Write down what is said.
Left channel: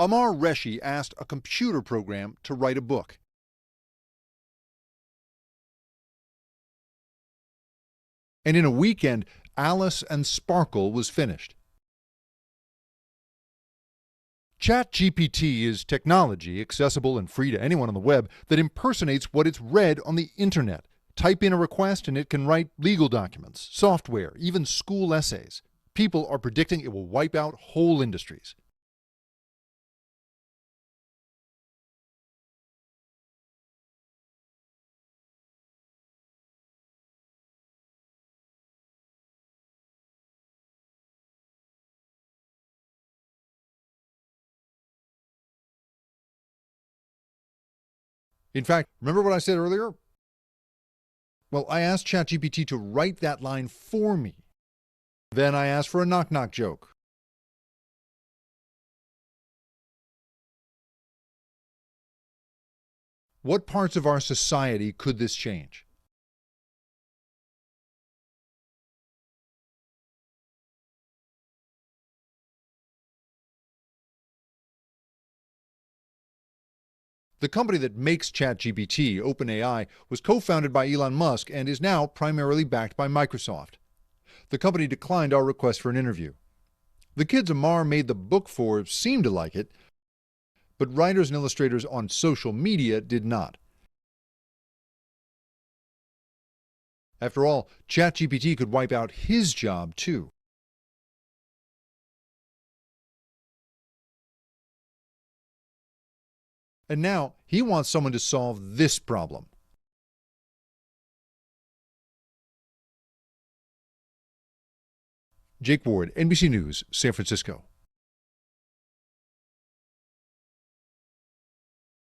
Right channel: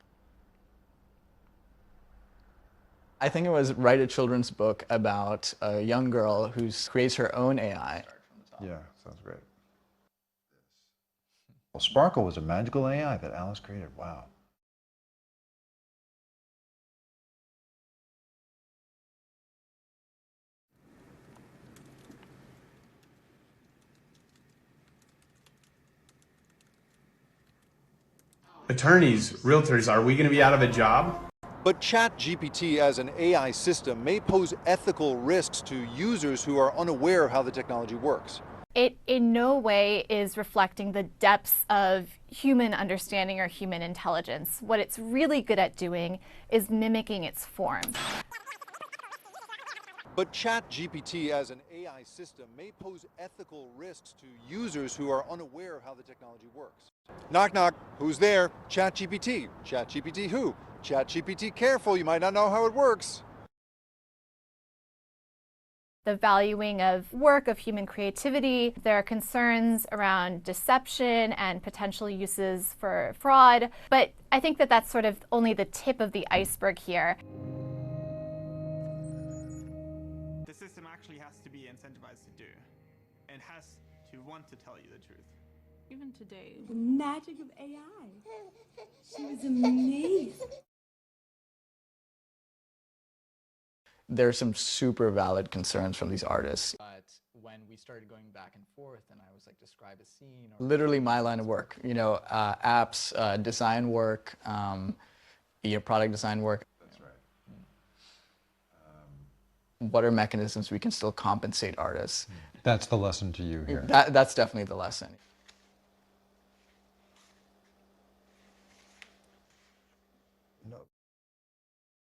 Amar Reshi asked a computer program to write a book. I think it was write a children's book about a young girl who creates her own AI. And in a weekend, Alice and Sparkle was finished. Well, Sparkle was a magical AI that Alice created. Wow. ChatGPT is technology, accessible and free to anyone on the web, that impersonates what it's read on the internet. Type in a request and it can write legal documents, software, even school essays. People are predicting it will wipe out whole industries. Attorneys, realtors, are we going to be out of a job? But ChatGPT as an AI system may pose ethical risks to users who are unaware of how the technology works. It in no way is reflecting the depths of human understanding or human intelligence. What it's really good at doing is mimicking its form. In fact, remember what I said earlier? But ChatGPT as well, I asked ChatGPT to write that line for me. Users who are then I asked for a knock-knock joke. Knock knock, who's there? ChatGPT. ChatGPT who? ChatGPT careful, you might not know how it works. What parts of our society could this change? The valuing of work, of human creativity. There are concerns around deception and potential uses for fraud. But I think that that's sort of only the tip of the iceberg here. The company that makes ChatGPT, OpenAI, was co-founded by Elon Musk and is now primarily backed by Microsoft. The company declined our request for an interview. The kids Amar made the book for seemed to like it, but writers and illustrators on social media did not. There are some super valid concerns from these artists. After all, ChatGPT could wipe out his job too. Literally my line of work, apps, design work, product design work. And now he wants someone to solve this problem. What are mechanisms we can still compensate artists? That's the lesson to you here. That's definitely the lesson. Jake Ward, NBC News, San Francisco.